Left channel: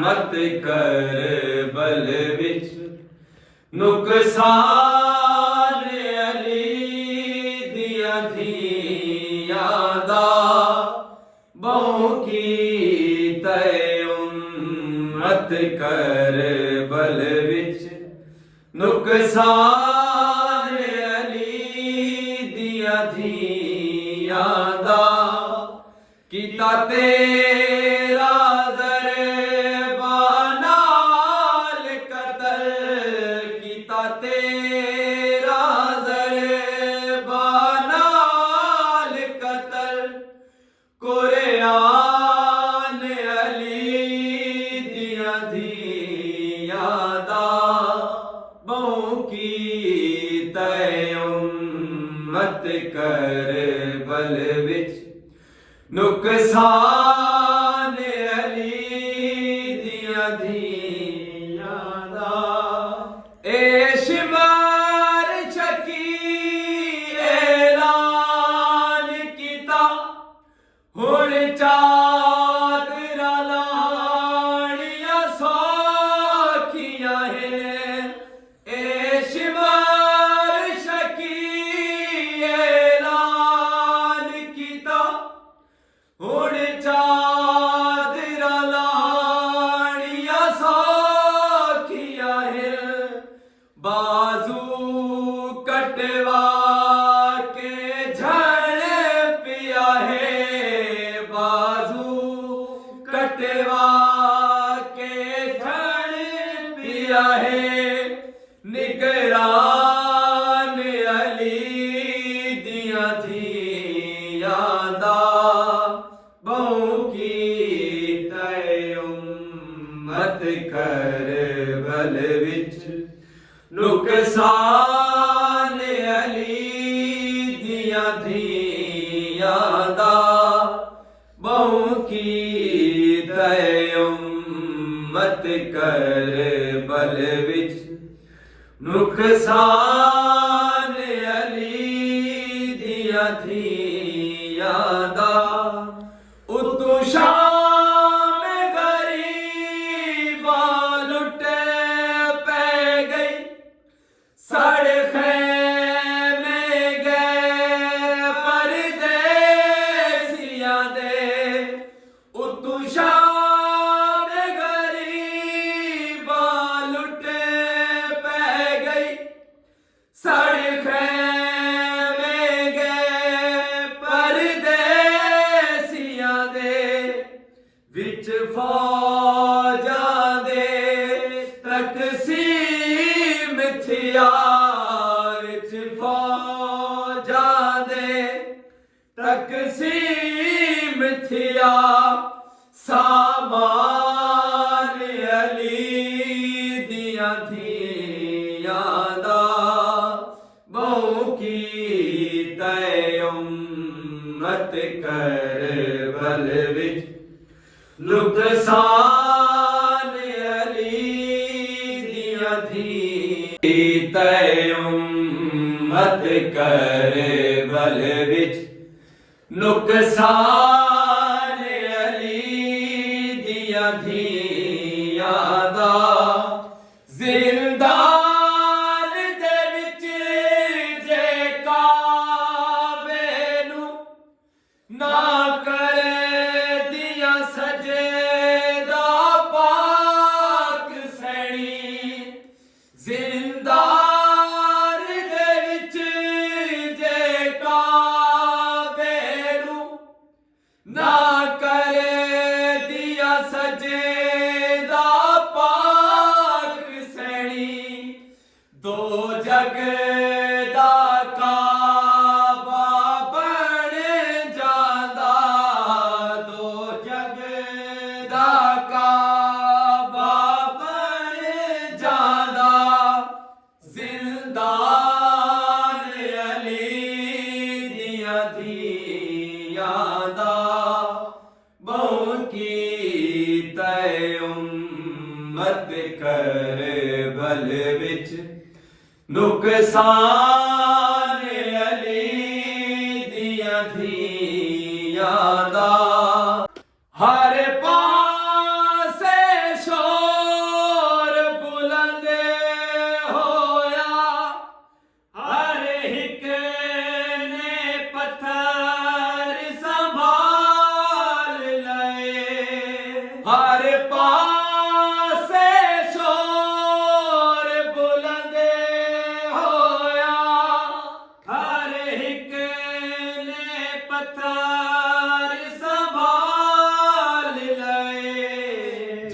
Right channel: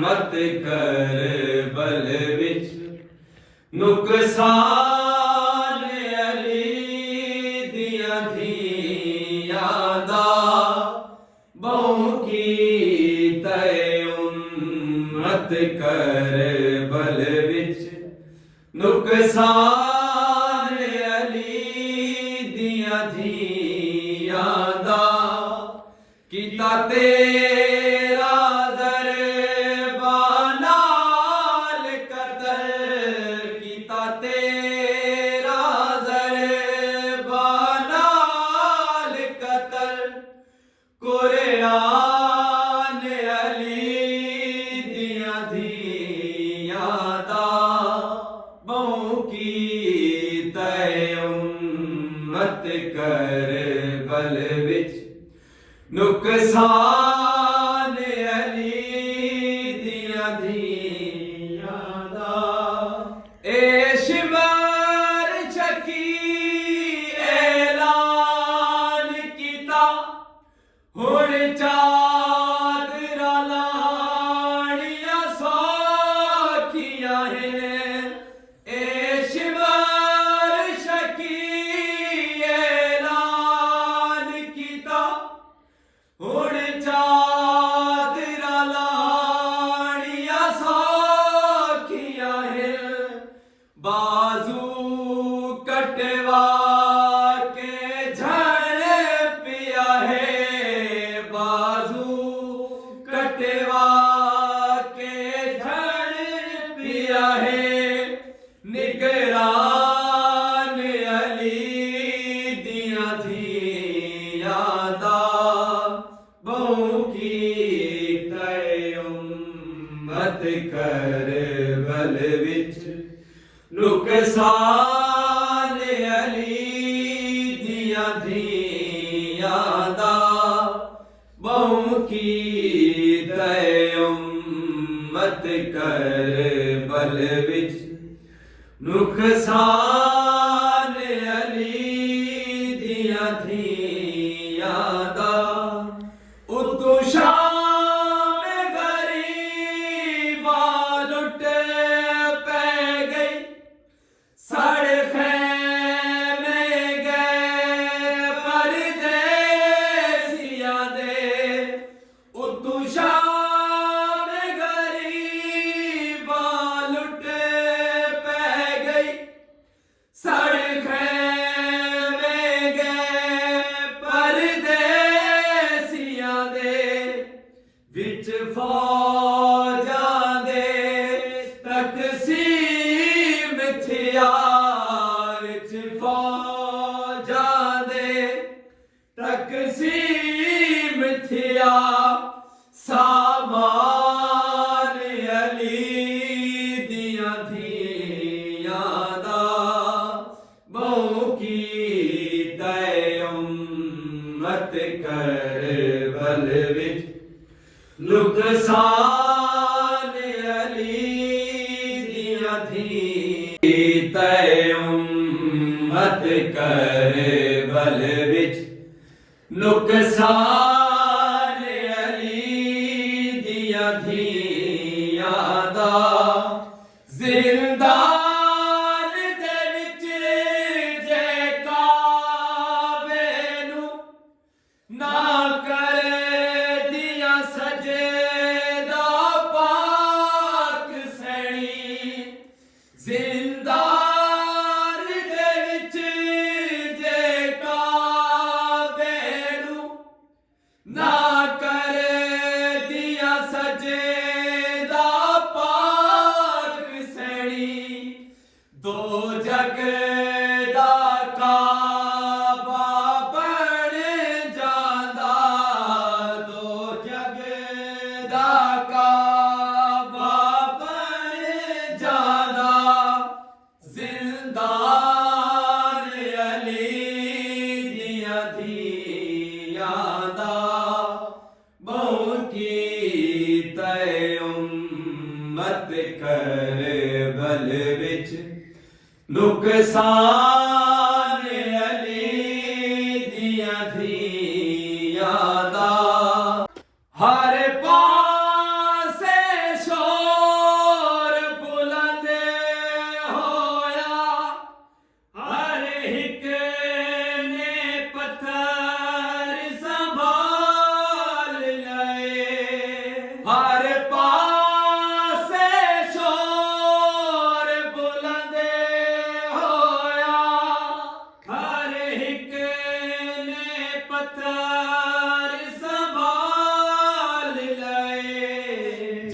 मत कर बल विच नुकसान अली दिया धियां दा बहु की तय मत कर बल विच नुकसान अली दिया धियां दा कीता तेरा दरबानाल कतल कीता तेरा दरबानाल कतल कुरआन अली दिया धियां दा बहु की तय मत कर बल विच नुकसान अली दिया धियां दा ए शिमर शकी ऐलान कीता हुण चादरा लानियां सौखियां हैं ए शिमर शकी ऐलान कीता हुण चादरा लानियां सौखियां हैं बाजू कटवा के झड़ पिया है बाजू कटवा के झड़ पिया है निगरान अली दिया धियां दा बहु की तय मत कर बल विच नुकसान अली दिया धियां दा बहु की तय मत कर बल विच नुकसान अली दिया धियां दा उतु शाम गरीबा लुट पै गई साढ़े खैमे गए परदेसियां दे उतु शाम गरीबा लुट पै गई साढ़े खैमे गए परदेसियां दे विच फौजां दे तकसीम थिया विच फौजां दे तकसीम थिया सामान अली दिया धियां दा बहु की तय मत कर बल विच नुकसान अली दिया धियां तय मत कर बल विच नुकसान अली दिया धियां दा जिंदान दे विच जे काबे नू ना करे दिया सजदा पाक सैनी जिंदान दे विच जे काबे नू ना करे दिया सजदा पाक सैनी दो जग दा काबा बन जांदा दो जग दा काबा बन जांदा जिंदान अली दिया धियां दा बहु की तय मत कर बल विच नुकसान अली दिया धियां दा हर पासे शो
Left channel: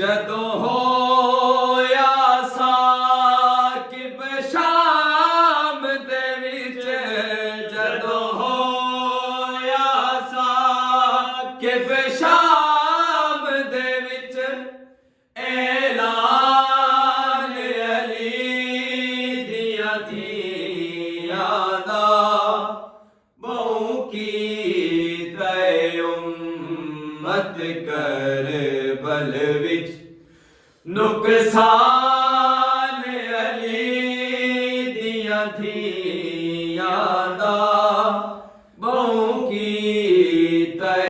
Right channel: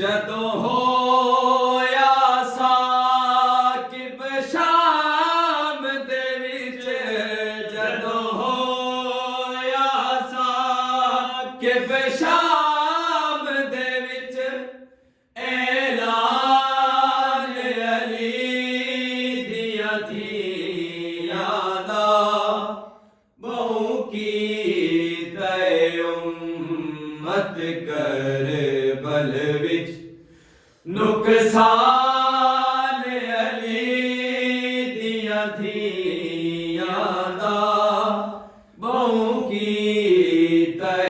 ਜਦੋਂ ਹੋਇਆ ਸਾਕਿਬ ਸ਼ਾਮ ਦੇ ਵਿੱਚ, ਜਦੋਂ ਹੋਇਆ ਸਾਕਿਬ ਸ਼ਾਮ ਦੇ ਵਿੱਚ, ਐਲਾਨ ਅਲੀ ਦੀਆਂ ਧੀਆਂ ਦਾ ਬਹੁ ਕੀਤਾ ਉਮਤ ਕਰਬਲ ਵਿੱਚ ਨੁਕਸਾਨ ਅਲੀ ਦੀਆਂ ਧੀਆਂ ਦਾ।